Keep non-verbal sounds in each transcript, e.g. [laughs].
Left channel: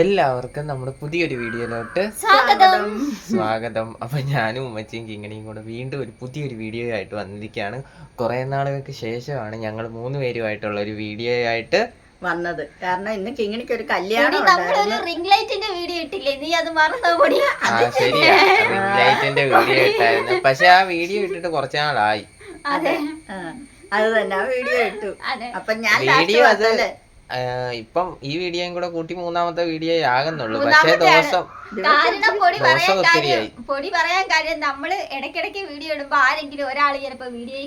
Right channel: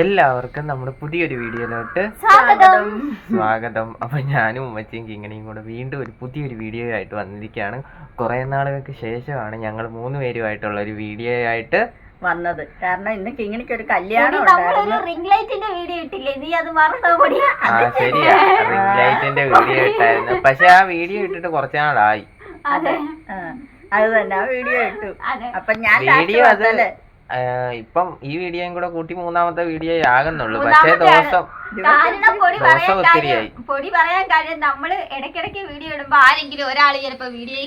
എല്ലാവർക്കും നമ്മുടെ പുതിയൊരു വീഡിയോയിലോട്ട് സ്വാഗതം. സ്വാഗതം. അപ്പൊ ഞാനും ഉമ്മച്ചിയും കിങ്ങണിയും കൂടെ വീണ്ടും ഒരു പുതിയൊരു വീഡിയോ ആയിട്ട് വന്നിരിക്കുകയാണ്. കുറെ നാളുകൾക്ക് ശേഷമാണ് ഞങ്ങൾ മൂന്ന് പേരുമായിട്ടുള്ള ഒരു വീഡിയോ ആയിട്ട് വന്നത്. കാരണം ഇന്ന് കിങ്ങിണിക്ക് ഒരു കല്യാണം നമ്മളൊരു. റിംഗ് ലൈറ്റിന്റെ വീഡിയോ ഇട്ടില്ലേ? നീ അത് ആ ശരിയാ. റിംഗ് ലൈറ്റിന്റെ വീഡിയോ ഇട്ടായിരുന്നു. പക്ഷെ ആ വീഡിയോ ഇട്ടിട്ട് കുറച്ച് നാളായി. അതെ. അത്. തന്നെ ആ വീഡിയോ ഇട്ടു. അപ്പൊ ഞാൻ വീഡിയോ അതല്ലേ അത് ഇപ്പം ഈ വീഡിയോയും കൂടെ കൂട്ടി മൂന്നാമത്തെ വീഡിയോ ആകുന്നുള്ളൂ. പക്ഷേ ദോഷം ദിവസം പൊടി പറയാൻ കാര്യം ഒത്തിരിയായി. പൊടി പറയാൻ കാര്യം നമ്മൾ ഇടയ്ക്കിടയ്ക്ക് വീഡിയോ ഇടുമ്പോ ആരെങ്കിലും ഒരാൾ ചിലപ്പോ വീഡിയോ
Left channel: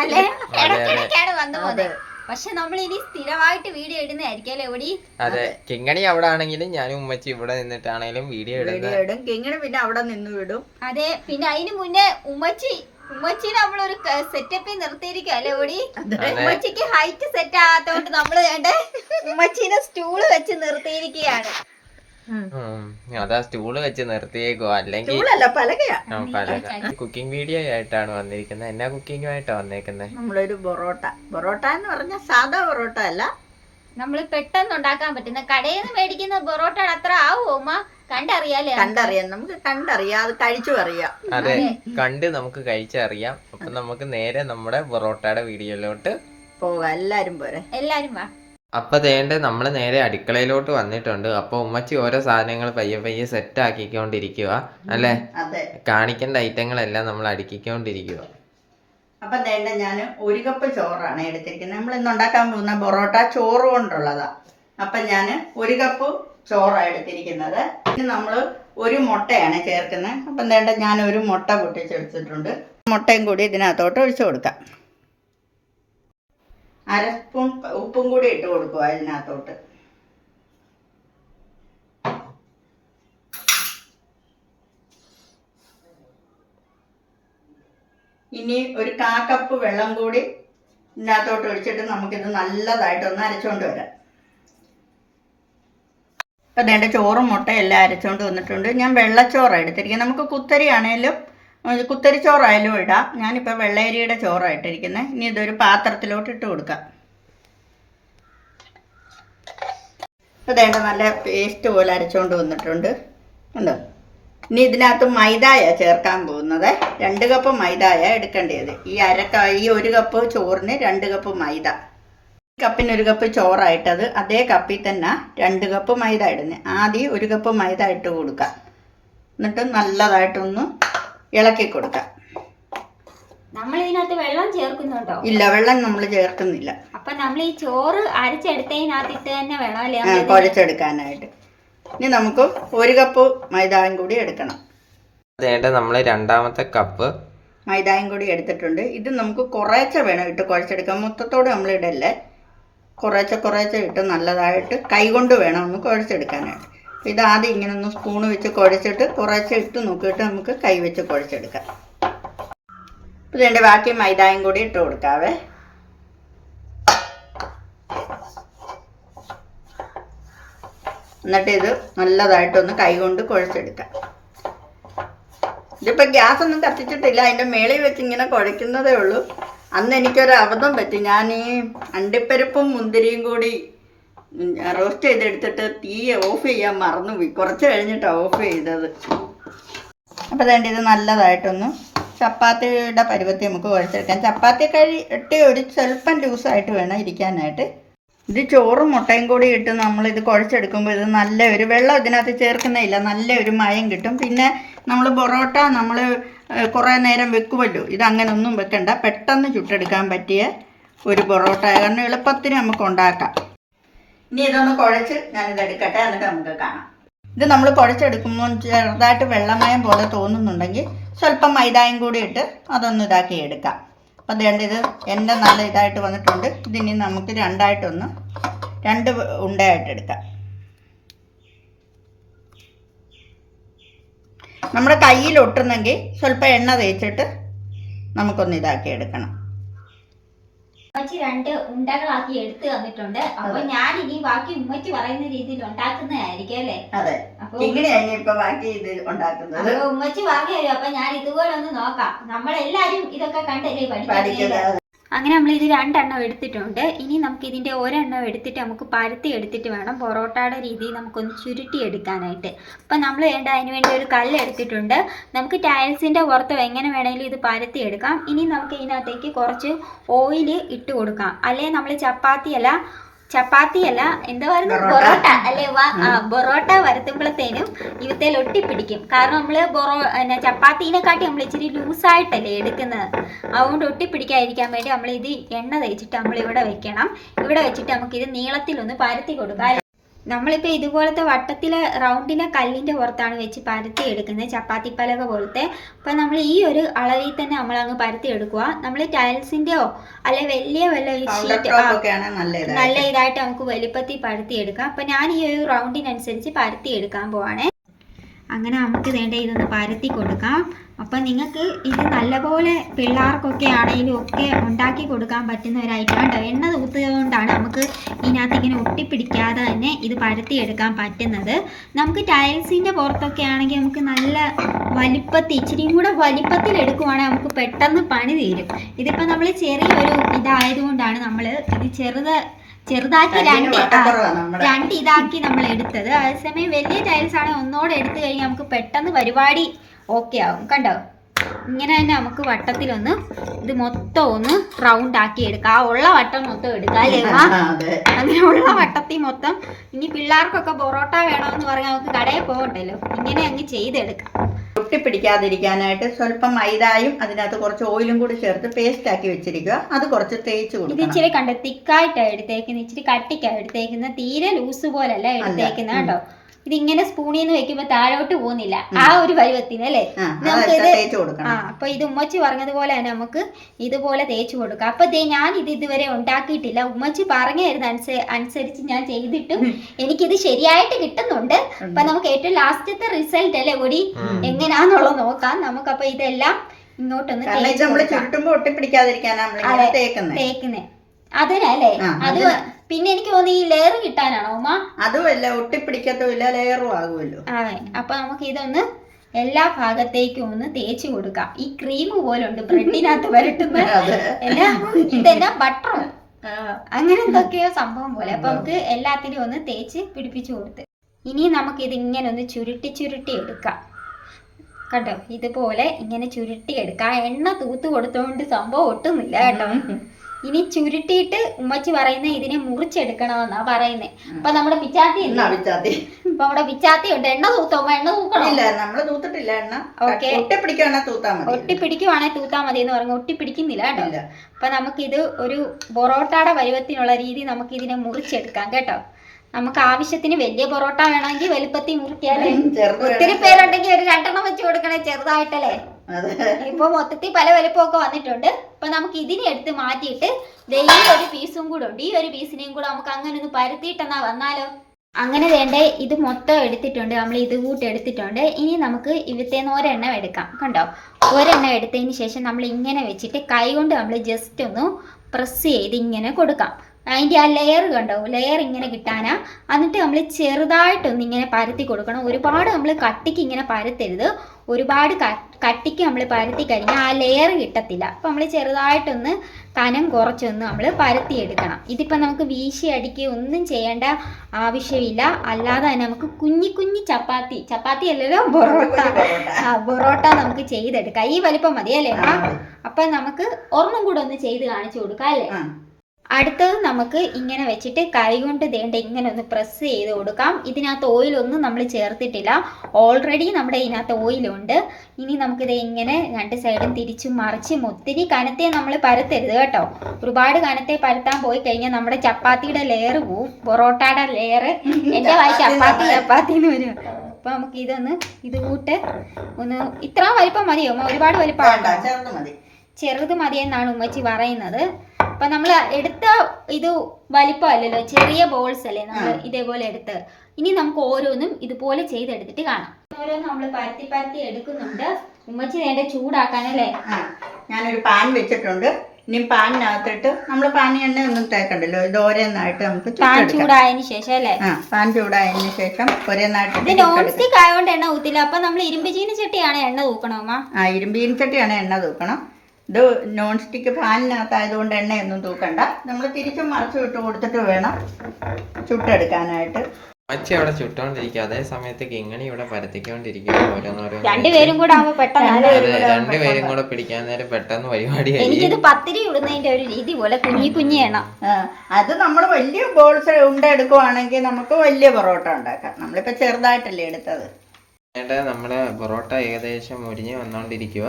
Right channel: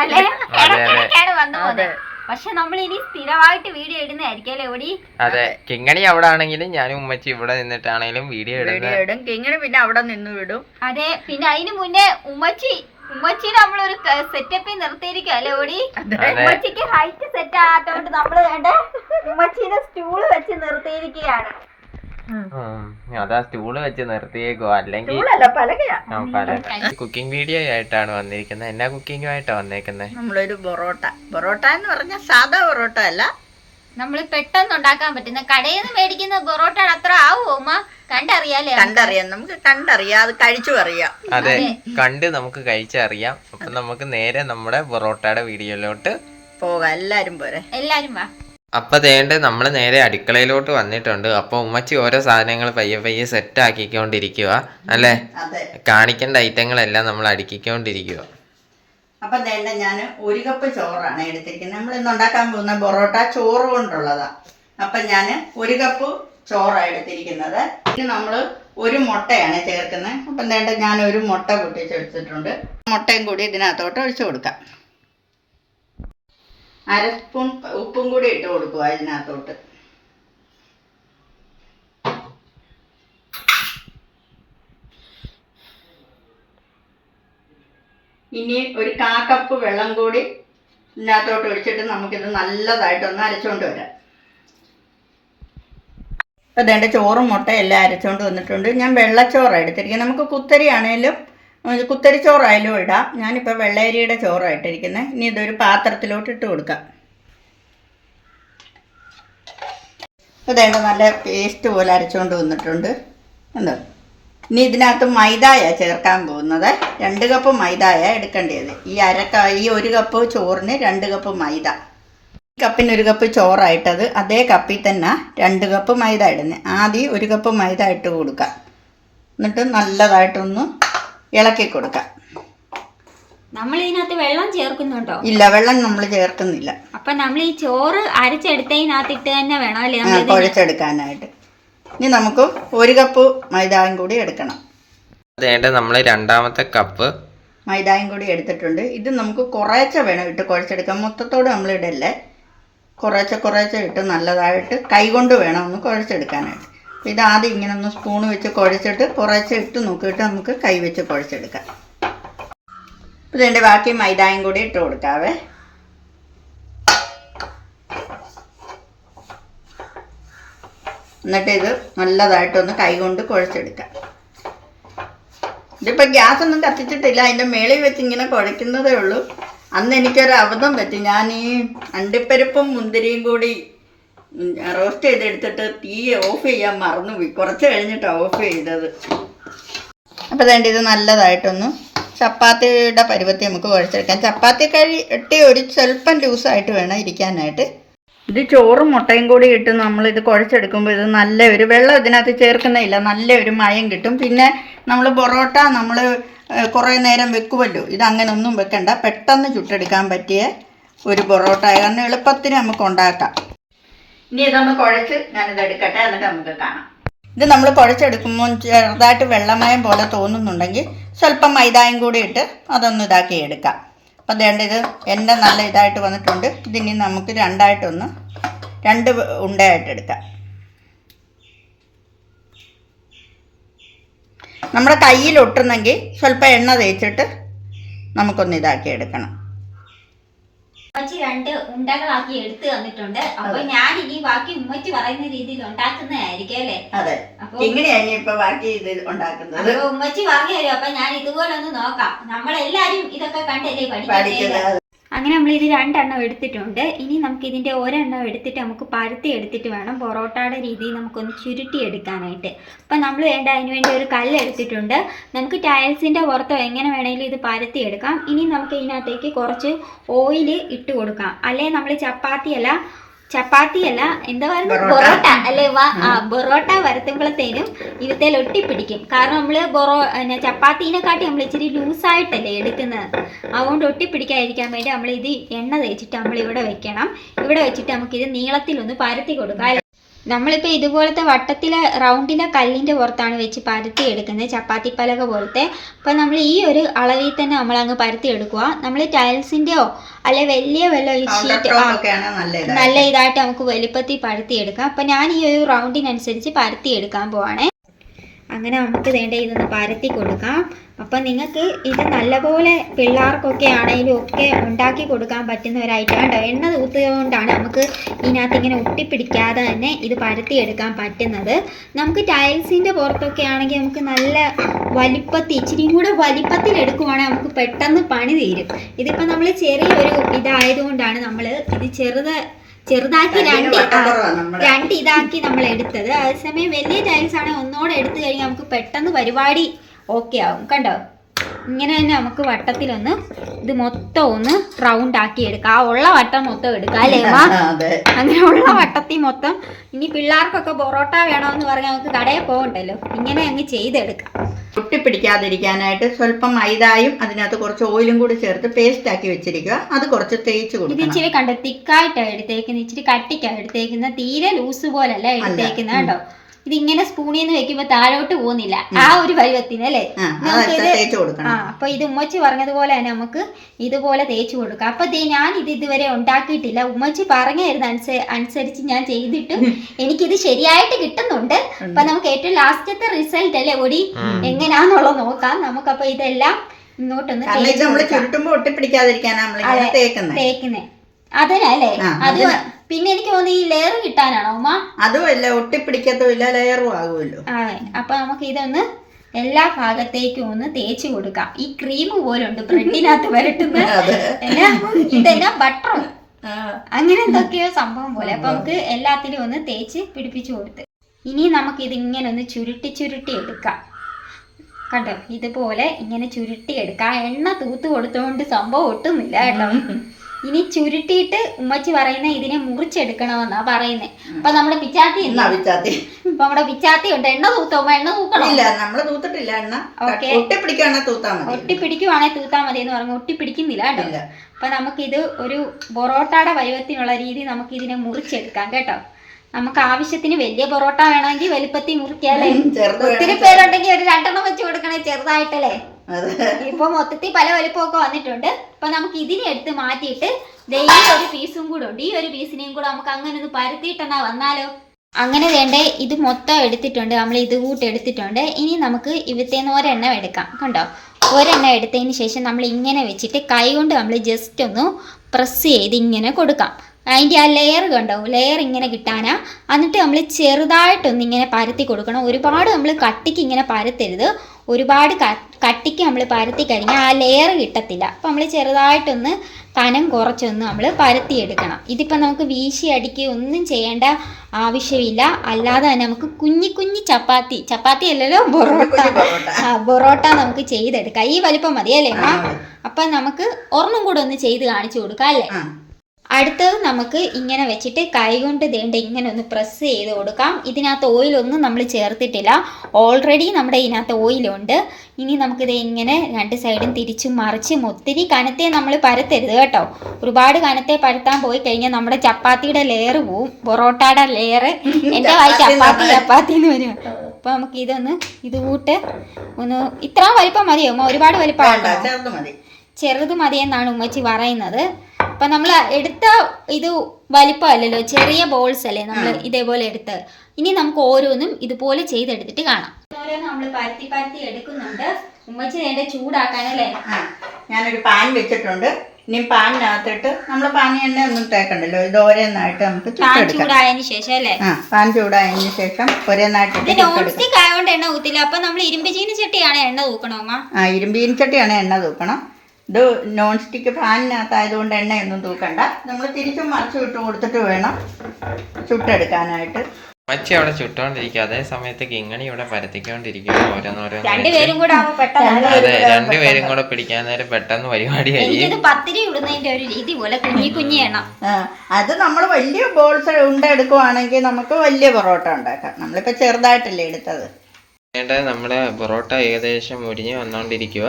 അല്ലേ ഇടയ്ക്കിടയ്ക്കാണ് വന്നു അതെ. പോകുന്നത്. പക്ഷെ നമ്മൾ ഇനി സ്ഥിരമായിട്ട് വീഡിയോ ഇടുന്നതായിരിക്കും പൊടി അതെ. കിങ്ങണി അവിടെ ആണെങ്കിലും ഞാനും ഉമ്മച്ചി ഇവിടെ നിന്നിട്ടാണെങ്കിലും വീഡിയോ വീഡിയോ ഇടും. കിങ്ങണി പിന്നെ അവിടെ നിന്ന് വിടും. അതെ. പിന്നെ അതിന് മുന്നേ ഉമ്മച്ചി ഉമ്മച്ചി നമ്മളൊരു സെറ്റപ്പിൽ നിർത്തിയിരിക്കും അല്ലെ ഓടി. ഉമ്മച്ചിക്ക് ഹൈറ്റ് സെറ്റ് ആകാത്തോണ്ട് നമ്മൾ വേണ്ട ഉമ്മച്ചീനെ സ്റ്റൂൾ വെച്ച് നിർത്തിയിരിക്കുകയാണ്. അതാ സ്റ്റൂൾ വെച്ച് നിർത്തിയേക്കോ അല്ലെങ്കിൽ കുക്കിംഗ് വീഡിയോ ആയിട്ടാണ് വന്നിരിക്കുന്നത്. എന്നാ കുക്കിംഗുമായിട്ടാ വന്നേക്കുന്നത് നമ്മളൊരു പൊറോട്ട. പൊറോട്ട എന്ന് പറഞ്ഞ സാധാ പൊറോട്ട അല്ല. നമ്മൾ പെട്ടെന്ന് ഉണ്ടാക്കാൻ പറ്റുന്ന കടയിൽ നിന്ന് മേടിക്കുന്ന പൊറോട്ട അത്ര ആവുമോ കണ്ടറിയാലേ കണ്ടറിയാം. നമുക്ക് കണ്ടറിയാം. അത് കഴിച്ചു അറിയാം. അതെ കണ്ട് നമുക്ക് കഴിച്ചറിയാം. അപ്പൊ നമുക്ക് നേരെ നമ്മുടെ പൊറോട്ടയുടെ വീഡിയോയിലോട്ട് പോകാം. എല്ലാരും പോരെ. എല്ലാരും വാ. അപ്പൊ തേണ്ട നമ്മൾ നേരെ അടുക്കളയിലോട്ട് വന്നിട്ടുണ്ട്. അപ്പൊ ഉമ്മച്ചി ഓരോ സാധനങ്ങൾ പയ്യെ പയ്യെ സെറ്റ് ആക്കിക്കൊണ്ടിരിക്കുക അല്ലേ? അതെ. കാണിക്കേണ്ട ഐറ്റങ്ങളെല്ലാം നമ്മൾ അടുക്കിക്കൊണ്ടിരിക്കുക അപ്പം തേണ്ട ഞാൻ ഒരു കപ്പ് ചോറാണ് എടുത്തിരിക്കുന്നത്. നമ്മൾ ഇന്ന് ഉണ്ടാക്കാൻ പോകുന്ന പൊറോട്ട ചോറ് കൊണ്ടുള്ളതാ. അപ്പം ഞാൻ ഒരു കപ്പ് ചോറാണ് എടുത്തിരിക്കുന്നത് ഇത് നമ്മൾ ഒരു മുട്ടയാണ് ചേർക്കുന്നത്. അപ്പം വേണ്ട ഞാൻ ഒരു മുട്ട പൊട്ടിച്ചെടുത്തിട്ടുണ്ട് മുട്ടയും കൂടി ഇതിനകത്തോട്ട് ഒഴിച്ചു കൊടുക്കാം. അര സ്പൂൺ ഉപ്പും കൂടി ഇട്ട് കൊടുക്കുക ഇതിനകത്തോട്ട്. ഇനി ഒരു കാ കപ്പ് വെള്ളം കൂടി ഇതിനകത്തോട്ട് ഒഴിച്ചിട്ട് നമുക്കിത് നല്ലതായിട്ടൊന്ന് അരച്ചുകൊണ്ട് വരാം. ഇപ്പം എന്റെ ചോറും മുട്ടയും എല്ലാം അരച്ചുകൊണ്ട് വന്നിട്ടുണ്ട്. ഞാൻ വെള്ളച്ചോറാണ് എടുത്തിരിക്കുന്നത് നമുക്ക് കുത്തരി ആണേലും കുത്തരി ചോറായാലും ഇടാം. ഞാനിപ്പോൾ വെള്ളയരിയുടെ ചോറാണ് ഇട്ടിരിക്കുന്നത് ഇനി ഇതൊരു പാത്രത്തിലോട്ട് ഇട്ട് കൊടുക്കാം. ഇപ്പം അതേണ്ട നല്ല പേസ്റ്റ് പോലെ അരച്ചുകൊണ്ട് വന്നിട്ടുണ്ട്. ഉണ്ടോ ഇനി ഇതിനകത്ത് മൈദായ ചേർക്കാൻ പോകുന്നത്. രണ്ട് കപ്പ് മൈദായ എടുക്കേണ്ടത്. ഈ അര ഈ ഒരു കപ്പ് ചോറിന് രണ്ട് കപ്പ് മൈദ. കപ്പിന് ഒരു കപ്പ് ചോറായിട്ടത് അതേ കപ്പിൽ തന്നെ രണ്ട് കപ്പ് മൈദ ഇടുന്നത് ആദ്യം ഒരു കപ്പ് മൈദ ഇട്ട് കൊടുക്കാം. എന്നിട്ട് നല്ലതായിട്ടൊന്ന് ഇളക്കി കൊടുക്കുക നമ്മൾ ഇതിനകത്ത് വെള്ളം ചേർക്കുന്നുണ്ടോ? ഇല്ല വെള്ളം നമ്മൾ ചേർക്കുന്നില്ല. അപ്പൊ നമ്മൾ ഈ ചോറ് അരച്ചെടുത്തതിനകത്ത് ഇട്ട് തന്നെ വേണം? അല്ലേ കുഴച്ചെടുക്കാനായിട്ട്. ഇനി നമുക്ക് ഒരു കപ്പ് മൈദായും കൂടി എടുക്കണം. അതേണ്ട നമ്മൾ രണ്ടാമത്തെ കപ്പ് മൈദായും കൂടി എടുത്തിട്ടുണ്ട്. ഇത് നമുക്ക് കുറേശ്ശെ വേണം ഇട്ട് കുഴച്ചെടുക്കാം മൊത്തത്തോടെ നമ്മൾ ഇടല്ലേ? കുറേശ്ശെ കുറേശ്ശെ ഇട്ട് നല്ലതായിട്ട് കൈകൊണ്ട് വേണം ഒന്ന് കുഴച്ചെടുക്കാനായിട്ട്. അപ്പോൾ ഇത് ആദ്യം ഇങ്ങനെ ഒന്ന് സ്പൂണ് വെച്ച് കുഴച്ചിട്ട് കുറേശ്ശെ ഇട്ട് നോക്കിയിട്ട് നമുക്ക് കൈ വെച്ച് കുഴച്ചെടുക്കാം. അപ്പോൾ ഇതിന്റെ ബാക്കി മൈദായും കൂടി ഇട്ട് കൊടുക്കാവേ. എന്നിട്ട് ഇത് നല്ലതായിട്ടൊന്ന് കൈകൊണ്ട് കുഴച്ചെടുക്കാം. ഇതിപ്പോൾ ഗ്യാസൊന്നും കത്തിച്ചിട്ടില്ല അതിന്റെ മേളിൽ വെച്ച് ഇങ്ങനെ കുഴയ്ക്കുന്നതേ ഉള്ളൂ. അന്ന് എനിക്കൊരു അബദ്ധം പറ്റി. ഞാൻ ഈ അണ്ടിപ്പരിപ്പും മുന്തിരിയും കൂടി റോസ്റ്റ് ചെയ്തെടുത്തിട്ട് തീ ഓഫ് ചെയ്യാൻ മറന്നുപോയി. കുറച്ച് കഴിഞ്ഞിട്ടാണ് ഓഫ് ചെയ്തത്. അപ്പോൾ വേണ്ട ഇത് നല്ലതായിട്ടൊന്ന് ചപ്പാത്തിയുടെ പരുവത്തി നമുക്ക് കുഴച്ചെടുക്കാം. ചപ്പാത്തി കഴി ഇട്ടി ഒരു സ്വല്പം ലൂസായിട്ട് വേണം ഇരിക്കാനായിട്ട്. ഇത് ചോറും മുട്ടയും കൂടി ഇട്ട് നമ്മൾ ഇത് കുഴച്ചെടുക്കുമ്പോൾ ഇത് നല്ല ഒരു വെള്ളം ഇതിനകത്ത് ചേർക്കുന്നില്ല. നല്ല ഒരു മയം കിട്ടും. പിന്നെ നമ്മൾ പൊറോട്ട നമ്മൾ കുറേ നേരം വെക്കുമല്ലോ ഇതങ്ങനൊന്നും വെക്കണ്ട. പെട്ടെന്ന് ചുട്ടെടുക്കാൻ പറ്റിയ ഒരു പൊറോട്ട കാരണം എളുപ്പത്തിന് നമുക്ക് ഉണ്ടാക്കാം. ഇനി ഇതൊന്ന് കുഴച്ച് ഞാനിത് എടുക്കട്ടെ? എന്നിട്ട് നമുക്ക് കാണാം. ഇത് നമ്മൾ കുഴച്ചെടുക്കുമ്പോൾ ചെറുതായിട്ട് വെള്ളമയം പോലെ തോന്നുന്നുണ്ടെങ്കിൽ സ്വല്പം മൈദായും കൂടി ഇട്ട് അതൊന്ന് ഇതാക്കി എടുക്കാം. അപ്പം അതേണ്ട ഇത് എന്റെ നല്ല ഇതായിട്ട് വന്നിട്ടുണ്ട്. ഇതിനി നമുക്ക് രണ്ടായിട്ടൊന്ന് രണ്ട് ഉണ്ടയായിട്ട് എടുക്കാം. നമ്മുടെ കയ്യിൽ ഒട്ടുന്നെങ്കിൽ സ്വല്പം എണ്ണ തേച്ചിട്ട് നമുക്കൊന്ന് ഇതാക്കി എടുക്കണം. ഉമ്മച്ചി രണ്ട് ഉണ്ടകളാക്കി എടുത്ത് തന്നിട്ടുണ്ട്. അപ്പൊ ഞാൻ ഇനി ബാക്കി ഉമ്മച്ചി പറയുന്ന രീതിയിൽ ഉണ്ടാക്കുന്നതായിരിക്കും അല്ലേ? അതെ. അപ്പൊ ഇങ്ങനെയാണ് ഇപ്പൊ ബാക്കി ഉണ്ടാക്കുന്നത്. ഉമ്മച്ചി പറഞ്ഞു തരും. അപ്പൊ ഞാൻ ഇതുപോലെ ഒന്ന് നോക്കാം. നമ്മളെല്ലാരും ഇതൊക്കെ കണ്ടല്ലേ പഠിക്കുന്നത്. അങ്ങനെ നമ്മൾ ഇത് രണ്ടെണ്ണം എടുത്തിട്ടുണ്ട്. ഇനി നമുക്ക് ഇതിന്റെ ഒരെണ്ണം എടുത്തിട്ട് നമുക്ക് പരത്തി എടുത്തിട്ട് വേണം പൊറോട്ടയുടെ രീതിയിൽ നമുക്കൊന്ന് ചുരുട്ടി എടുക്കാനായിട്ട്. അപ്പം നമ്മൾ വേണ്ട അതിന് വേണ്ടി ഒരു കല്ല് എടുത്തിട്ടുണ്ട്. നമുക്ക് ടൈൽസിന്റെ പുറത്തോ എങ്ങനെ വേണമെങ്കിലും ഇത് പരത്തി എടുക്കാം. ഇനി നമുക്ക് ഇതിനകത്തേക്ക് കുറച്ച് ഓയിൽ ഇട്ട് കൊടുക്കാം. അല്ലെങ്കിൽ നമ്മൾ ചപ്പാത്തിയല്ല ചപ്പാത്തിയല്ല എന്താ പറയുന്നത്? പൊറോട്ട. അല്ലെ? വാ- ആ പൊറോട്ട വരുത്തുമ്പോഴത്തേനും ഇവത്തേൽ ഒട്ടിപ്പിടിക്കും കാരണം നമ്മൾ ബൊറോ ചപ്പാത്തിനെ കാട്ടി നമ്മൾ ഇച്ചിരി ലൂസായിട്ടല്ലേ എടുക്കുന്നത്. അതുകൊണ്ട് ഒട്ടിപ്പിടിക്കാതിരിക്കാൻ വേണ്ടി നമ്മൾ ഇത് എണ്ണ തേച്ചിട്ട് നമ്മൾ ഇവിടെ വെക്കണം. ഇവിടെ വെച്ചിട്ട് നമുക്ക് ഇത് നീളത്തിലൊന്ന് പരത്തി കൊടുക്കാം. അല്ലേ? നമ്മളിപ്പോൾ ഇതുപോലത്തെ വട്ടത്തിലെ റൗണ്ടിലെ കല്ലിന്റെ പുറത്താണ് വെച്ച് പരത്തി എടുക്കുന്നത് ചപ്പാത്തി പലക പോലത്തെ. അപ്പോൾ നമ്മൾ ഈ ഒരു അളവിൽ തന്നെ നമ്മൾ അങ്ങ് പരത്തി എടുക്കുക നമ്മൾ ടൈൽസിന്റെയോ അല്ലെ വലിയ വല്ല ഷീറ്റ് നല്ല ഇതായിട്ട് നമുക്ക് വലുപ്പത്തിൽ പരത്തി എടുക്കാം. അപ്പോൾ ഞാൻ ഈ ഒരു റൗണ്ടിനനുസരിച്ച് പരത്തി എടുക്കാൻ പോവാണേ. അങ്ങനെ നമുക്ക് വേണ്ട ഇതൊന്ന് പരത്തി കൊടുക്കാം. അപ്പം നിങ്ങൾക്ക് ഇത് നല്ലപോലെ പിള്ളേർക്കൊക്കെ ആണെങ്കിലും ഒക്കെ ഉണ്ടാക്കി കൊടുക്കാൻ പറ്റുന്ന ഒരു ഐറ്റം കണ്ടോ എണ്ണ തൂത്തുകൊണ്ടാണ് നമുക്ക് ഇതിനകത്ത് ഇങ്ങനെ ഒട്ടിപ്പിടിക്കാതെ തന്നെ ഇത് പരത്തി എടുക്കാൻ പറ്റുന്നത്. നമുക്ക് ടൈൽസിന്റെ പുറത്തൊക്കെ ആണെങ്കിൽ നമുക്ക് നല്ല വലിപ്പത്തിൽ ഇച്ചിരിയും കൂടെ വലിപ്പത്തിൽ എടുക്കുവാണെങ്കിൽ നമുക്ക് പെട്ടെന്ന് പണി തീരും. ഇതിപ്പോൾ നമ്മൾ ചെറിയൊരു ഇതായതുകൊണ്ടാണ് നമ്മൾ ഇത് ചെറുത് ചെറുതാക്കി രണ്ട് രണ്ട് ഇതാക്കി നമ്മൾ എടുത്തത്. അതേസമയം വലിയ ടൈൽസ് ആണെങ്കിൽ ഒന്നോടെ എടുത്തു കഴിഞ്ഞാൽ നമുക്ക് പെട്ടെന്ന് പരിപാടി ഓക്കെ ആവും. കണ്ടോ? ഇങ്ങനെ തന്നെ നമുക്ക് വട്ടത്തിലൊന്ന് ഇത് മൊത്തം ഒന്ന് റൗണ്ട് ആക്കി എടുക്കാം. ആ ഉള്ള വട്ടം മൊത്തം എടുക്കാം അല്ലേ [laughs] അങ്ങനെ ഉള്ള വട്ടത്തിൽ മൊത്തം ഇനി പിള്ളേർക്കൊക്കെ പൊറോട്ട വേണമെന്ന് പറഞ്ഞാൽ നമുക്ക് കടയിൽ പോകണ്ടല്ലോ. ഇങ്ങനെ അങ്ങ് ചെയ്തെടുക്കാം. ഒട്ടിപ്പിടിക്കാതിരിക്കാനായിട്ട് സ്വല്പം മൈദായും അതിനകത്ത് കുറച്ച് ഓയിലും കൂടി ചേർത്ത് പേസ്റ്റ് ആക്കി വെച്ചിരിക്കുക. അത് കുറച്ച് തേച്ച് കൊടുക്കും ഇച്ചിരി കണ്ട് തിക്കായിട്ടാണ് എടുത്തേക്കുന്നത് ഇച്ചിരി കട്ടിക്കാണ് എടുത്തേക്കുന്നത് തീരെ ലൂസ് പോലല്ല എടുത്തേക്കുന്നത് കേട്ടോ. ഇത് ഇങ്ങനെ സ്പൂണിൽ നിന്ന് വെക്കുമ്പോൾ താഴോട്ട് പോകുന്നില്ല. ആ ഒരു പരുവത്തിന് അല്ലേ? നമുക്ക് ഇത് ആ അപ്പൊ ഇത് ഉമ്മച്ചി പറഞ്ഞതുപോലെ തന്നെ നമുക്ക് ഇതുപോലെ തേച്ച് കൊടുക്കാം. അപ്പൊ ഞാൻ ഇത് ഇതുവരെ ഉണ്ടാക്കിയിട്ടില്ല. ഉമ്മച്ചി പറഞ്ഞായിരുന്നു അനുസ അനുസരിച്ച് ഞാൻ ചെയ്തിട്ടും എനിക്കിത് ശരിയായിട്ട് കിട്ടുന്നുണ്ട്. അപ്പൊ നമുക്ക് ഏറ്റവും ലാസ്റ്റത്തെ റിസൾട്ട് അല്ലേ ഒടി എങ്ങനെയാന്നുള്ളത് നോക്കാം. നമുക്കപ്പൊ ഇതെല്ലാം ഇങ്ങോട്ടൊന്ന്. തേക്കുന്നത് തേക്കുന്നേ. അതിനല്ലേ? അത്. പിന്നെ എനിക്ക് തോന്നുന്നു ഈ ലെയർ കിട്ടാനാണോ ഉമ്മ? അതുമല്ല ഒട്ടിപ്പിടിക്കത്തുമില്ല ലെയറും ആകുമല്ലോ. ആ അപ്പൊ നമുക്ക് ഇതൊന്ന് എല്ലാ ഭാഗത്തേക്കും ഒന്ന് തേച്ച് കൊടുക്കാം. ഈ ക്രീം പോലുണ്ട് ബ്രെഡിനകത്ത് വരട്ടുന്ന. [laughs] ഇതെല്ലാം ബട്ടറും അങ്ങനെ എന്തൊക്കെയോ സംഭവം പോലെ. അപ്പൊ നമുക്ക് എല്ലാത്തിലും ഒന്ന് തേച്ച് പിടിപ്പിച്ചു കൊടുത്ത്. ഇനി നമുക്ക് ഇത് ഇങ്ങനെ ഒന്ന് ചുരുട്ടി ചുരുട്ടി എടുക്കാം. കണ്ടോ? ഇതുപോലെ ഇങ്ങനെ ചുരുട്ടി എടുക്കാം. എണ്ണ തൂത്ത് കൊടുത്തോണ്ട് സംഭവം ഒട്ടുന്നില്ല കേട്ടോ. ഇനി ചുരുട്ടിയിട്ട് ഉമ്മച്ചി പറയുന്ന ഇതിനെ മുറിച്ചെടുക്കണമെന്നാ പറയുന്നേ. അപ്പൊ നമ്മുടെ പിച്ചാത്തി? വിച്ചാത്തി. ഇപ്പൊ നമ്മുടെ പിച്ചാത്തി ഉണ്ട്. എണ്ണ തൂത്തോ? എണ്ണ തൂക്കണോ? ഇല്ല നമ്മൾ തൂത്തിട്ടില്ല. എണ്ണ ഓക്കേ. ഒട്ടിപ്പിടിക്കുകയാണെ തൂത്താ മതി. ഒട്ടിപ്പിടിക്കുവാണെങ്കിൽ തൂത്താ മതി എന്ന് പറഞ്ഞു ഒട്ടിപ്പിടിക്കുന്നില്ല കേട്ടോ. അപ്പൊ നമുക്കിത് ഒരു പൊറോട്ടയുടെ പരുവത്തിനുള്ള രീതി നമുക്ക് ഇതിനെ മുറിച്ചെടുക്കാം കേട്ടോ. നമുക്ക് ആവശ്യത്തിന് വലിയ പൊറോട്ട വേണമെങ്കിൽ വലുപ്പത്തിൽ മുറിക്കാല്ലേ ഒത്തിരി പേരുണ്ടെങ്കിൽ ഒരു രണ്ടെണ്ണം വെച്ച് കൊടുക്കണേ ചെറുതായിട്ടല്ലേ? ഇപ്പൊ മൊത്തത്തിൽ പല വലിപ്പമൊക്കെ വന്നിട്ടുണ്ട്. അപ്പൊ നമുക്ക് ഇതിനെ എടുത്ത് മാറ്റിയിട്ട് ഈ ഒരു പീസും കൂടെ ഉണ്ട്. ഈ ഒരു പീസിനെയും കൂടെ നമുക്ക് അങ്ങനെ ഒന്ന് പരത്തിയിട്ടെന്നാ വന്നാലോ? അങ്ങനെ വേണ്ടേ ഇത് മൊത്തം എടുത്തിട്ടുണ്ട്. നമ്മൾ ഇത് കൂട്ട് എടുത്തിട്ടുണ്ട്. ഇനി നമുക്ക് ഇവത്തേന്ന് ഒരെണ്ണം എടുക്കാം. കണ്ടോ? ഒരെണ്ണം എടുത്തതിന് ശേഷം നമ്മൾ ഇങ്ങനെ വെച്ചിട്ട് കൈ കൊണ്ട് നമ്മൾ ജസ്റ്റ് ഒന്ന് പ്രസ് ചെയ്ത് ഇങ്ങനെ കൊടുക്കാം. അതിന്റെ ആ ലെയർ കണ്ടോ? ലെയർ ഇങ്ങനെ കിട്ടാനാ. എന്നിട്ട് നമ്മൾ ചെറുതായിട്ടൊന്ന് ഇങ്ങനെ പരത്തി കൊടുക്കണം. ഒരുപാട് നമ്മൾ കട്ടിക്ക് ഇങ്ങനെ പരത്തരുത്. ഒരുപാട് കട്ടിക്ക് നമ്മൾ പരത്തി കഴിഞ്ഞാൽ ആ ലെയർ കിട്ടത്തില്ല. അപ്പോൾ നമ്മൾ ചെറുതായിട്ടൊന്ന് കനം കുറച്ചൊന്ന് നമ്മൾ പരത്തിയെടുക്കണം. ഇതിപ്പോൾ നമുക്ക് വീശി അടിക്കുക ഒന്നും ചെയ്യേണ്ട ആവശ്യമില്ല. അല്ലാതെ തന്നെ നമുക്ക് കുഞ്ഞി കുഞ്ഞി ചപ്പാത്തി ചപ്പാത്തി അല്ലല്ലോ ബൊറോട്ട ആ ബൊറോട്ട നമുക്ക് ചെയ്തെടുക്കാം. ഈ വലിപ്പം മതി അല്ലേ അപ്പം നമുക്ക് ഒരെണ്ണം കൂടെ ഒന്ന് ചെയ്ത് കാണിച്ചു കൊടുക്കാം അല്ലേ. അടുത്തത് നമുക്ക് ഇങ്ങനെ വെച്ചിട്ട് കൈകൊണ്ട് ദേണ്ട ഇങ്ങനെ ഒന്ന് പ്രസ് ചെയ്ത് കൊടുക്കാം. ഇതിനകത്ത് ഓയിലൊന്നും നമ്മൾ ചേർത്തിട്ടില്ല. ഓൾറെഡി നമ്മുടെ ഇതിനകത്ത് ഓയിലുണ്ട് ഇനി നമുക്കിത് ഇങ്ങനെ രണ്ട് സൈഡും തിരിച്ചും മറിച്ചും ഒത്തിരി കനത്തെ നമ്മൾ പരത്തരുത് കേട്ടോ. ഒരുപാട് കനത്തെ പരത്താൻ പോയി കഴിഞ്ഞാൽ നമ്മുടെ ചപ്പാത്തിയുടെ ലെയർ പോവും. പൊറോട്ടയുടെ ലെയർ എന്റെ വായി ചപ്പാത്തി ചപ്പാത്തി എന്ന് വരും. അപ്പോൾ നമുക്ക് ഇതൊന്ന് ഇത് കൂട്ട് ഒന്ന് ഇത്ര വലിപ്പം മതിയോ? ഒരുപാട് വലിപ്പം ചെറുത് മതിയെന്നാണ് ഉമ്മച്ചി പറയുന്നത്. അപ്പം നമ്മൾ എടുത്ത ഇത് വലിപ്പമല്ലല്ലോ ചെറിയ ബോൾസ് അല്ലേ നമ്മൾ ഇതേപോലെ എടുത്ത്. ഇനി നമുക്ക് ഓരോന്നും ഇതുപോലെ ചെയ്തെടുത്തിട്ട് കാണാം. ഓരോന്നും നമ്മൾ പരത്തി പരത്തി എടുക്കുന്നുണ്ട്. ഉമ്മച്ചി നേരെ ചൂടാക്കാനല്ലേ ഞാനൊരു പാൻ വെച്ചിട്ടുണ്ട്. ഇനി പാനിനകത്തിട്ട് നമ്മൾ പാനി എണ്ണ ഒന്നും തേക്കണ്ടല്ലോ ഇത് ഓരോന്നായിട്ട് നമുക്ക് പാൻ ചൂടായതിന് ശേഷം അല്ലേ? ആ പാൻ ചൂടായതിന് ശേഷം ഓരോന്നായിട്ട് നോൺ സ്റ്റിക്ക് ആയതുകൊണ്ട് എണ്ണ ഊത്തില്ല. അപ്പൊ നമ്മൾ ഇരുമ്പ് ചട്ടിയാണ് എണ്ണ തൂക്കണോ ആ ഇരുമ്പീൻ ചട്ടിയാണ് എണ്ണ തൂക്കണം. ഇത് നോൺ സ്റ്റിക്ക് എണ്ണ എണ്ണയൊന്നും തൂക്കണ്ട. നമ്മൾ തിരിച്ചും മറിച്ചും ഇട്ട് കൊടുത്തിട്ട് വേണം ചുട്ടെടുക്കാനായിട്ട്. മച്ചി അവിടെ ചുട്ടോണ്ടിരിക്കുക അതേ സമയത്ത് കിങ്ങണി ഇവിടെ പരത്തിക്കൊണ്ടിരിക്കുക പെട്ടെന്ന് അതെ രണ്ടുപേരും കൂടെ പിടിക്കാൻ നേരം പെട്ടെന്ന് പരിപാടി കഴിയും. എനിക്കിത് പത്തിരി ഇടുന്നതിന്റെ ഒരു രീതി പോലെ കുഞ്ഞി കുഞ്ഞി അത് നമ്മൾ വലിയ ബോൾസ് ഉണ്ട എടുക്കുവാണെങ്കിൽ നമുക്ക് വലിയ പൊറോട്ട ഉണ്ടാക്കാം. നമ്മളിപ്പോ ചെറുതായിട്ടല്ലേ എടുത്തത്. നമ്മുടെ പൊറോട്ട ഏകദേശം മുരിഞ്ഞ് വന്നോണ്ടിരിക്കുക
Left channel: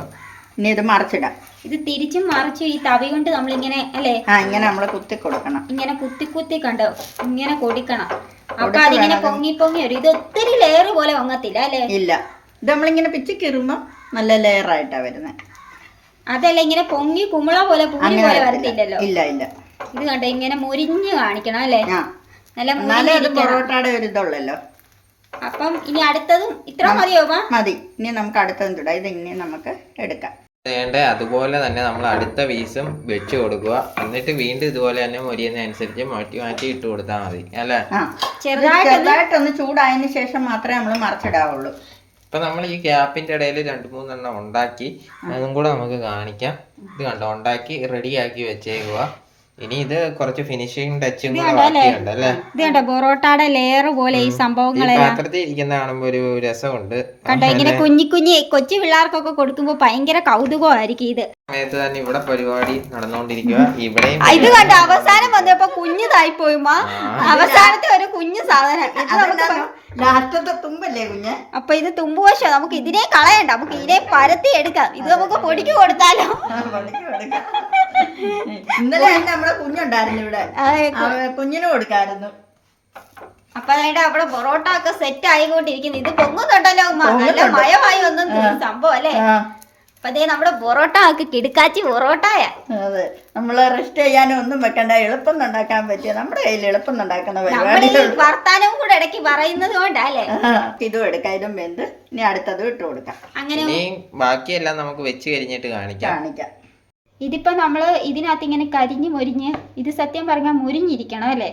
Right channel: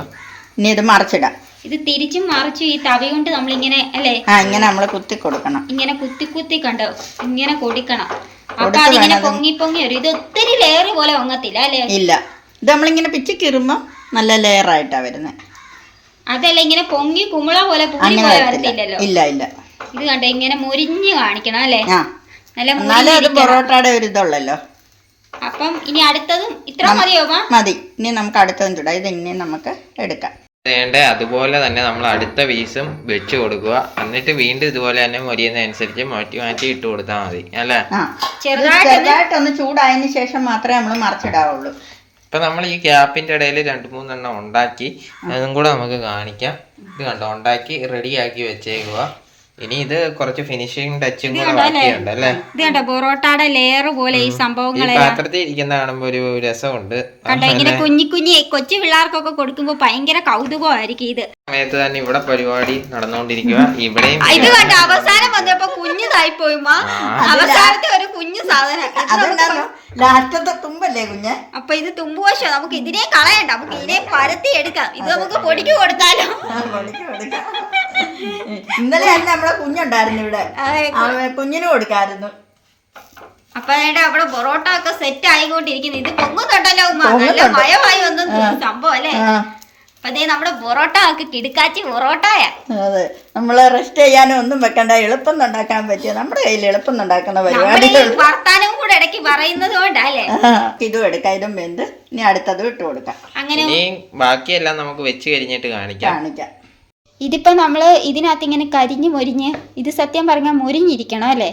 ഇനി ഇത് മറിച്ചിടാം. ഇത് തിരിച്ചും മറിച്ചും ഈ തവി കൊണ്ട് നമ്മൾ ഇങ്ങനെ അല്ലേ? ആ ഇങ്ങനെ നമ്മൾ കുത്തി കൊടുക്കണം. ഇങ്ങനെ കുത്തി കുത്തി കണ്ടോ ഇങ്ങനെ കൊടുക്കണം. അപ്പൊ അതിങ്ങനെ പൊങ്ങി പൊങ്ങി വരും ഇത് ഒത്തിരി ലെയർ പോലെ പൊങ്ങത്തില്ല അല്ലേ? ഇല്ല. ഇത് നമ്മളിങ്ങനെ പിച്ചി കീറുമ്പോൾ നല്ല ലെയർ ആയിട്ടാ വരുന്നത് അതല്ല ഇങ്ങനെ പൊങ്ങി കുമിള പോലെ പൂരി പോലെ വരത്തില്ല. വരത്തില്ലല്ലോ. ഇല്ല ഇല്ല. ഇത് കണ്ടോ ഇങ്ങനെ മുരിഞ്ഞു കാണിക്കണം അല്ലേ? നല്ല പൊറോട്ടയുടെ ഒരു ഇതുള്ളല്ലോ. അപ്പം ഇനി അടുത്തതും ഇത്ര മതിയോ മതി. ഇനി നമുക്ക് അടുത്തതും ചൂടാം. ഇത് ഇനി നമുക്ക് എടുക്കാം. വേണ്ട അതുപോലെ തന്നെ നമ്മൾ അടുത്ത പീസും വെച്ച് കൊടുക്കുക. എന്നിട്ട് വീണ്ടും ഇതുപോലെ തന്നെ മുരിയുന്നതനുസരിച്ച് മാറ്റി മാറ്റി ഇട്ട് കൊടുത്താൽ മതി. അല്ലേ? ചെറുതായിട്ടൊന്ന് ചൂടായതിന് ശേഷം മാത്രമേ നമ്മൾ മറിച്ചിടാവുള്ളൂ. ഇപ്പൊ നമ്മൾ ഈ ഗ്യാപ്പിന്റെ ഇടയിൽ രണ്ട് മൂന്നെണ്ണം ഉണ്ടാക്കി. അതും കൂടെ നമുക്ക് കാണിക്കാം. ഇത് കണ്ടോ? ഉണ്ടാക്കി റെഡിയാക്കി വെച്ചേക്കുക ഇനി ഇത് കുറച്ച് ഫിനിഷിംഗ് ടച്ചും കൂടെ ബാക്കിയുണ്ട് അല്ലേ? ഇത് കണ്ടോ? പൊറോട്ടയുടെ ലെയർ പോലെ ഈ ഈ സംഭവങ്ങളെ പാത്രത്തിൽ ഇരിക്കുന്ന കാണുമ്പോൾ ഒരു രസമുണ്ട്. കണ്ടോ? ഇങ്ങനെ കുഞ്ഞി കുഞ്ഞി കൊച്ചു പിള്ളേർക്കൊക്കെ കൊടുക്കുമ്പോൾ ഭയങ്കര കൗതുകമായിരിക്കും ഇത്. സമയത്ത് തന്നെ ഇവിടെ പരിപാടി നടന്നുകൊണ്ടിരിക്കുക. ഇവിടെയും ഇത് കണ്ടോ? അവസാനം വന്നപ്പോ കുഞ്ഞു പോയി മാ അവസാനത്തെ ഒരു കുഞ്ഞു സാധനം. ലാസ്റ്റത്തെ തുമ്പല്ലേ കുഞ്ഞ്? അപ്പൊ ഇത് തുമ്പുവശം നമുക്ക് ഇതിനെ കളയണ്ട. നമുക്ക് ഇതിനെ പരത്തി എടുക്കാം. ഇത് നമുക്ക് പൊടിക്ക് കൊടുത്താലോ? ഇന്നലെ തന്നെ നമ്മളെ കുഞ്ഞുണ്ടായിരുന്നു ഇവിടെ. കുഞ്ഞിന് കൊടുക്കായിരുന്നു. അപ്പൊ അതിന്റെ അവിടെ പൊറോട്ട ഒക്കെ സെറ്റ് ആയിക്കൊണ്ടിരിക്കുന്നു. ഇത് പൊങ്ങുന്നുണ്ടല്ലോ. നല്ല മയമായി വന്നു സംഭവം അല്ലേ? അപ്പൊ അതേ നമ്മുടെ പൊറോട്ട ആക്കി കിടുക്കാച്ചി പൊറോട്ടയ. അതെ നമ്മൾ റെസ്റ്റ് ചെയ്യാനും ഒന്നും വെക്കണ്ട എളുപ്പം ഉണ്ടാക്കാൻ പറ്റിയ നമ്മുടെ കയ്യിൽ എളുപ്പം ഉണ്ടാക്കുന്ന പരിപാടി വർത്താനവും കൂടെ ഇടയ്ക്ക് പറയുന്നത് കൊണ്ടല്ലേ ഇതും എടുക്കാം ഇതും വെന്ത് ഇനി അടുത്തതും ഇട്ട് കൊടുക്കാം. അങ്ങനെ ഇനി ബാക്കിയെല്ലാം നമുക്ക് വെച്ച് കഴിഞ്ഞിട്ട് കാണിക്കാം. കാണിക്കാം. ഇതിപ്പോ നമ്മൾ ഇതിനകത്ത് ഇങ്ങനെ കരിഞ്ഞു മൊരിഞ്ഞ് ഇത് സത്യം പറഞ്ഞാൽ മുരിഞ്ഞിരിക്കണം അല്ലേ?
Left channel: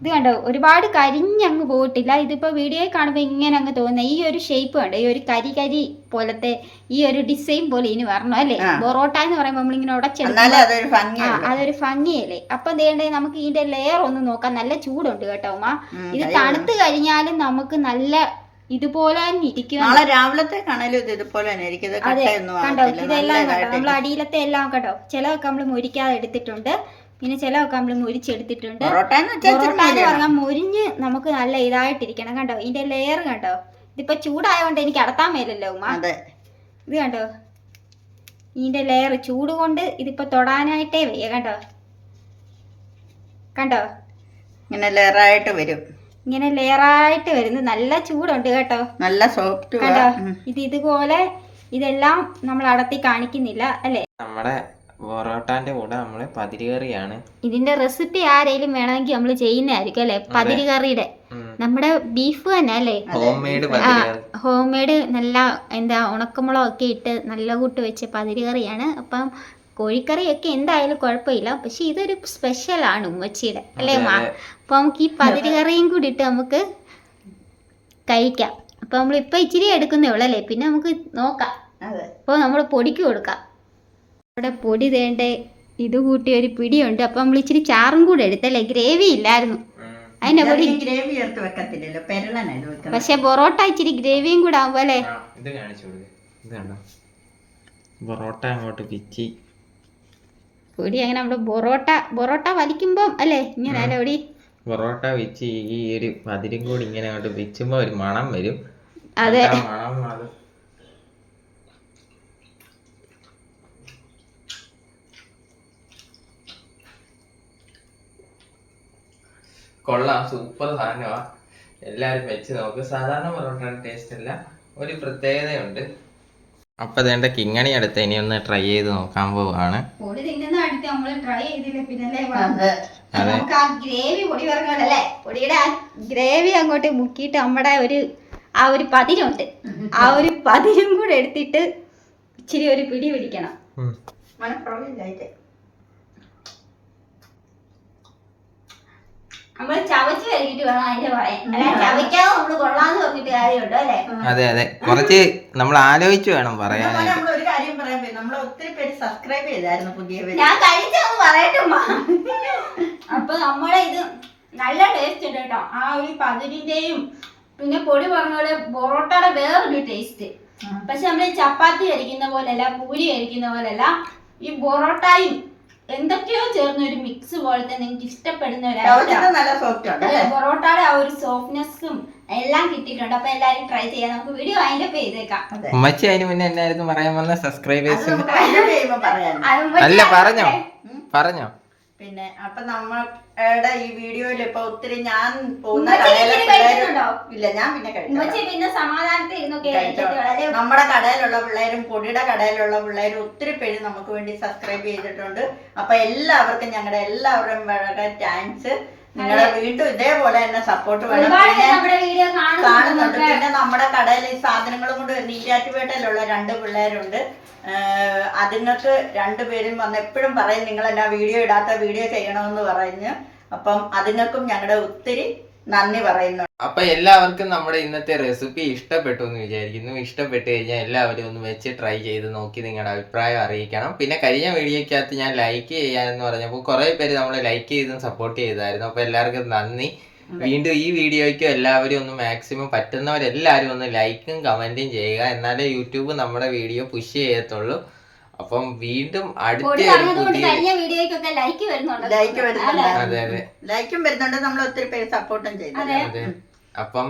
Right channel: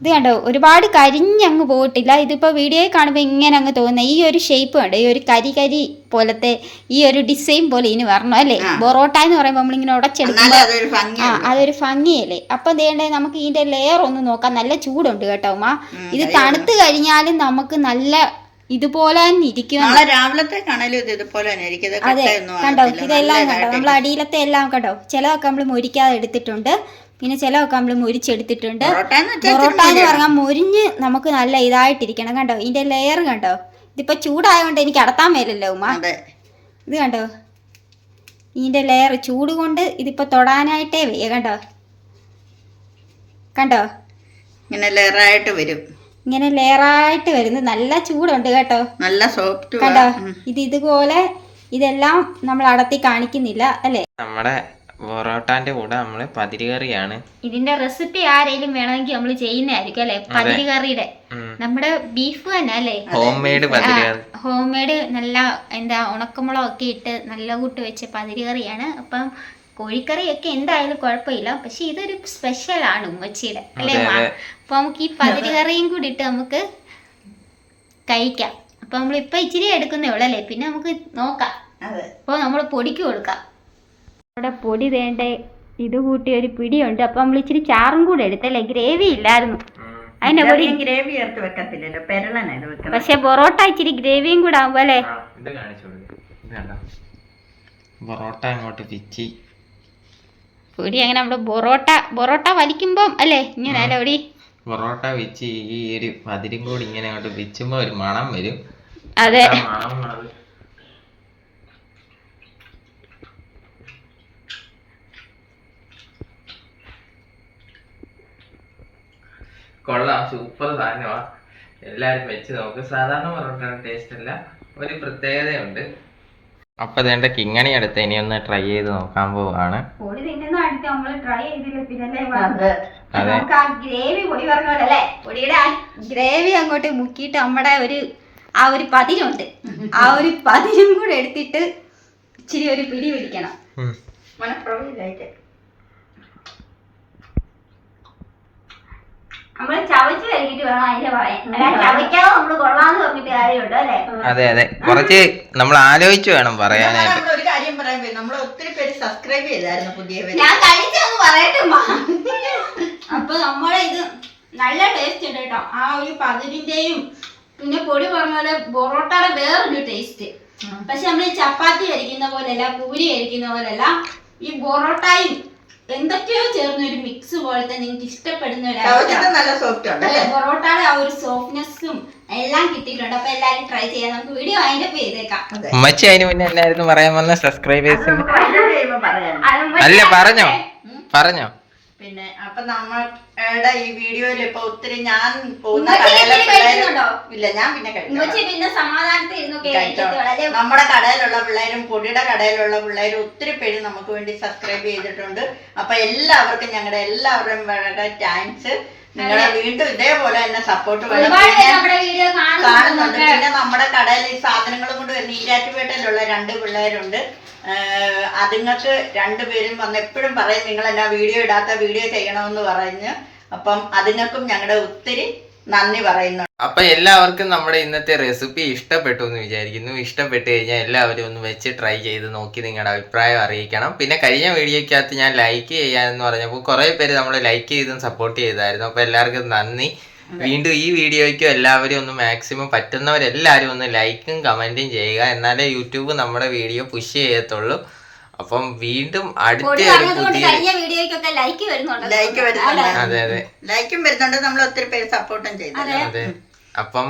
ഇത് കണ്ടോ? ഒരുപാട് കരിഞ്ഞങ്ങ് പോയിട്ടില്ല. ഇതിപ്പോ വീഡിയോയിൽ കാണുമ്പോൾ ഇങ്ങനെ അങ്ങ് തോന്നുന്നത് ഈ ഒരു ഷേപ്പ് കണ്ടോ? ഈ ഒരു കരി കരി പോലത്തെ ഈ ഒരു ഡിസൈൻ പോലെ ഇനി വരണം അല്ലേ? ബൊറോട്ട എന്ന് പറയുമ്പോൾ നമ്മളിങ്ങനെ ഉടച്ചെടുക്കും ആ അതൊരു ഭംഗിയല്ലേ? അപ്പൊ ദേണ്ടേ നമുക്ക് ഇതിന്റെ ലെയർ ഒന്ന് നോക്കാം. നല്ല ചൂടുണ്ട് കേട്ടോ ഉമ്മ. ഇത് തണുത്ത് കഴിഞ്ഞാലും നമുക്ക് നല്ല ഇതുപോലെ തന്നെ ഇരിക്കും നാളെ രാവിലത്തേക്കാണേലും ഇത് ഇതുപോലെ തന്നെ ഇരിക്കും. ഇത് കട്ടയൊന്നും കണ്ടോ. ഇതെല്ലാം കണ്ടോ? നമ്മൾ അടിയിലത്തെ എല്ലാം കണ്ടോ? ചിലതൊക്കെ നമ്മൾ മുരിക്കാതെ എടുത്തിട്ടുണ്ട്. പിന്നെ ചിലതൊക്കെ നമ്മൾ മുരിച്ചെടുത്തിട്ടുണ്ട്. പൊറോട്ട എന്ന് വെച്ചാൽ പൊറോട്ട എന്ന് പറഞ്ഞാൽ മുരിഞ്ഞ് നമുക്ക് നല്ല ഇതായിട്ടിരിക്കണം. കണ്ടോ? ഇതിന്റെ ലെയർ കണ്ടോ? ഇതിപ്പോ ചൂടായതുകൊണ്ട് എനിക്ക് അടത്താൻ മേലല്ലോ ഉമ്മ? അതെ. ഇത് കണ്ടോ? ഇതിന്റെ ലെയർ ചൂട് കൊണ്ട് ഇതിപ്പോ തൊടാനായിട്ടേ വയ്യ. കണ്ടോ? കണ്ടോ? ഇങ്ങനെ ലെയറായിട്ട് വരും. ഇങ്ങനെ ലെയറായിട്ട് വരുന്നത് നല്ല ചൂടുണ്ട് കേട്ടോ. നല്ല സോഫ്റ്റ് കണ്ടോ? ഇത് ഇതുപോലെ ഇതെല്ലാം നമ്മൾ അടത്തി കാണിക്കുന്നില്ല അല്ലേ? നമ്മുടെ പൊറോട്ടാന്റെ കൂടെ നമ്മൾ പതിരുകറിയാണ്. ഇതിന്റെ റെസിപ്പി ആരെങ്കിലും വേണമെങ്കിൽ നമ്മൾ ചെയ്യുന്നതായിരിക്കും അല്ലെ? പതിരി കറിയുടെ നമ്മുടെ ബീഫ് തന്നെ അല്ലേ? ഹോം മെയ്ഡ് ഹോം മെയ്ഡ് നല്ല എന്താ ഉണക്കമുളകൊക്കെ ഇട്ട് നല്ല കൂട്ട് വെച്ച പതിരി കറിയാണ് അപ്പം കോഴിക്കറിയൊക്കെ എന്തായാലും കുഴപ്പമില്ല. പക്ഷെ ഇതൊരു സ്പെഷ്യലാണ് ഉമ്മച്ചിയുടെ അല്ലേ അതെ, മാ അതെ. അപ്പൊ നമുക്ക് ഈ പതിരി കറിയും കൂടി ഇട്ട് നമുക്ക് കഴിക്കാം. അപ്പൊ നമ്മൾ ഇപ്പൊ ഇച്ചിരി എടുക്കുന്നേ ഉള്ളൂ അല്ലേ? പിന്നെ നമുക്ക് നോക്കാം. അപ്പൊ അപ്പോൾ നമ്മൾ പൊടിക്ക് കൊടുക്കാം. അവിടെ പൊടി തേണ്ട ഇത് കൂട്ടി ഒരു പിടിയുണ്ട്. അപ്പം നമ്മൾ ഇച്ചിരി ചാറും കൂടെ എടുത്തല്ലേ ഗ്രേവി ഇല്ലായിരുന്നു. അതിന്റെ പൊടി ഗ്രേവി ചേർത്ത് വെക്കത്തില്ലല്ലോ. വെക്കണം പക്ഷെ പൊറോട്ട ഇച്ചിരി ഗ്രേവിയും കൂടെ ആവുമ്പോ അല്ലേ? പൊറോട്ട അങ്ങോട്ട് പിച്ചി പൊടി അങ്ങനെ നമ്മുടെ പൊറോട്ട പൊറോട്ട വലിക്കുമ്പം അല്ലേ? ഇങ്ങനെ അല്ലേ പൊടി? പൊറോട്ട വെച്ച് ഈ ഒരു പതിരും കൂടി ഇങ്ങനെ അങ്ങോട്ട് വെച്ചുമ്പോ ഒരു മണം വരും. അതെ. മണം കൊള്ളാം സൂപ്പർ സാധനമാ. എല്ലാരും വെച്ച് നോക്ക്. സാധാരണ പൊറോട്ടയുടെ ടേസ്റ്റ് അല്ല ഒരു പ്രത്യേകതയുണ്ട്. അപ്പൊ ഇതേണ്ട കിങ്ങണി അടുത്ത് ഇനി ഒന്ന് ട്രൈ ചെയ്ത് നോക്കാൻ പോവാണ്. നമുക്ക് ആ ഗ്രേവി പൊടി പറഞ്ഞല്ലേ പൊടിയുടെ ആ ഗ്രേവി അങ്ങോട്ട് മുക്കിയിട്ട് നമ്മുടെ ഒരു ആ ഒരു പതിരുണ്ട്. ആ ഒരു പതിരും കൂടെ എടുത്തിട്ട് ഇച്ചിരി ഒരു പിടി പിടിക്കണം. ഉം. നമ്മൾ ചവച്ച് വരക്കിട്ട് വേണം അതിന്റെ പറയാൻ അല്ല ചവയ്ക്കാതെ നമ്മൾ കൊള്ളാന്ന് പറഞ്ഞിട്ട് കാര്യമുണ്ടോ അല്ലേ? അതെ അതെ. കുറച്ച് നമ്മൾ ആലോചിച്ച് വേണം പറയാനായിട്ട്. ഒരു കാര്യം പറയാൻ പോയി. നമ്മൾ ഒത്തിരി പേര് സബ്സ്ക്രൈബ് ചെയ്തായിരുന്നു പുതിയ ഞാൻ കഴിച്ചൊന്ന് പറയട്ടെ. അപ്പൊ നമ്മളെ ഇത് നല്ല ടേസ്റ്റ് ഉണ്ട് കേട്ടോ. ആ ഒരു പതിരിന്റെയും പിന്നെ പൊടി പറഞ്ഞ പോലെ പൊറോട്ടയുടെ വേറൊരു ടേസ്റ്റ് പക്ഷെ നമ്മൾ ഈ ചപ്പാത്തി കഴിക്കുന്ന പോലെയല്ല പൂരി കഴിക്കുന്ന പോലെയല്ല ഈ പൊറോട്ടയും എന്തൊക്കെയോ ചേർന്ന ഒരു മിക്സ് പോലത്തെ നിങ്ങൾക്ക് ഇഷ്ടപ്പെടുന്ന ഒരു നല്ല സോഫ്റ്റ് ഉണ്ട് പൊറോട്ടയുടെ ആ ഒരു സോഫ്റ്റ്നെസ്സും എല്ലാം കിട്ടിയിട്ടുണ്ട്. അപ്പൊ എല്ലാരും ട്രൈ ചെയ്യാം. നമുക്ക് വീഡിയോ അതിന്റെ ചെയ്തേക്കാം. അമ്മച്ചി ഉമ്മച്ചി അതിന് മുന്നേ എന്നായിരുന്നു പറയാൻ വന്ന സബ്സ്ക്രൈബേഴ്സിന് അല്ല പറഞ്ഞോ? പറഞ്ഞോ? പിന്നെ അപ്പൊ നമ്മളുടെ ഈ വീഡിയോയിൽ ഇപ്പൊ ഒത്തിരി ഞാൻ പോകുന്ന കടയിലെ? ഇല്ല ഞാൻ പിന്നെ. നമ്മുടെ കടയിലുള്ള പിള്ളേരും പൊടിയുടെ കടയിലുള്ള പിള്ളേരും ഒത്തിരി പേര് നമുക്ക് വേണ്ടി സബ്സ്ക്രൈബ് ചെയ്തിട്ടുണ്ട്. അപ്പൊ എല്ലാവർക്കും ഞങ്ങളുടെ എല്ലാവരുടെയും വളരെ താങ്ക്സ് നിങ്ങളെ വീണ്ടും ഇതേപോലെ തന്നെ സപ്പോർട്ട് വേണം. കാണുന്നുണ്ട് പിന്നെ നമ്മുടെ കടയിൽ ഈ സാധനങ്ങളും കൊണ്ട് വരുന്ന ഈരാറ്റുപേട്ടയിലുള്ള രണ്ട് പിള്ളേരുണ്ട്. അതുങ്ങൾക്ക് രണ്ടുപേരും വന്ന് എപ്പോഴും പറയും നിങ്ങൾ എന്നാ വീഡിയോ ഇടാത്ത വീഡിയോ ചെയ്യണമെന്ന് പറഞ്ഞ്. അപ്പം അതുങ്ങൾക്കും ഞങ്ങളുടെ ഒത്തിരി നന്ദി പറയുന്നു. അപ്പൊ എല്ലാവർക്കും നമ്മുടെ ഇന്നത്തെ റെസിപ്പി ഇഷ്ടപ്പെട്ടു എന്ന് വിചാരിക്കുന്നു. ഇഷ്ടപ്പെട്ട് കഴിഞ്ഞാൽ എല്ലാവരും ഒന്ന് വെച്ച് ട്രൈ ചെയ്ത് നോക്കി നിങ്ങളുടെ അഭിപ്രായം അറിയിക്കണം. പിന്നെ കഴിഞ്ഞ വീഡിയോക്കകത്ത് ഞാൻ ലൈക്ക് ചെയ്യാന്ന് പറഞ്ഞപ്പോൾ കുറെ പേര് നമ്മൾ ലൈക്ക് ചെയ്തും സപ്പോർട്ട് ചെയ്തായിരുന്നു. അപ്പൊ എല്ലാവർക്കും നന്ദി. വീണ്ടും ഈ വീഡിയോയ്ക്കും എല്ലാവരും ഒന്ന് മാക്സിമം പറ്റുന്നവരെല്ലാവരും ഒന്ന് ലൈക്കും കമന്റും ചെയ്യുക. എന്നാലേ യൂട്യൂബ് നമ്മുടെ വീഡിയോ പുഷ് ചെയ്യത്തുള്ളൂ. അപ്പം വീണ്ടും അടുത്ത ഒരു പുതിയ കഴിഞ്ഞ വീഡിയോയ്ക്കൊക്കെ ലൈക്ക് വരുന്നുണ്ട് ലൈക്ക് വരുന്നുണ്ട്. അതെ അതെ. ലൈക്കും വരുന്നുണ്ട്. നമ്മൾ ഒത്തിരി പേര് സപ്പോർട്ടും ചെയ്തു. അതെ. അപ്പം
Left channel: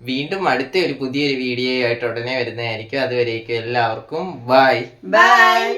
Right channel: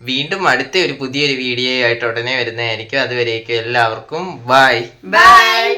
വീണ്ടും അടുത്ത ഒരു പുതിയൊരു വീഡിയോ ആയിട്ട് ഉടനെ വരുന്നതായിരിക്കും. അതുവരേക്കും എല്ലാവർക്കും ബൈ ബൈ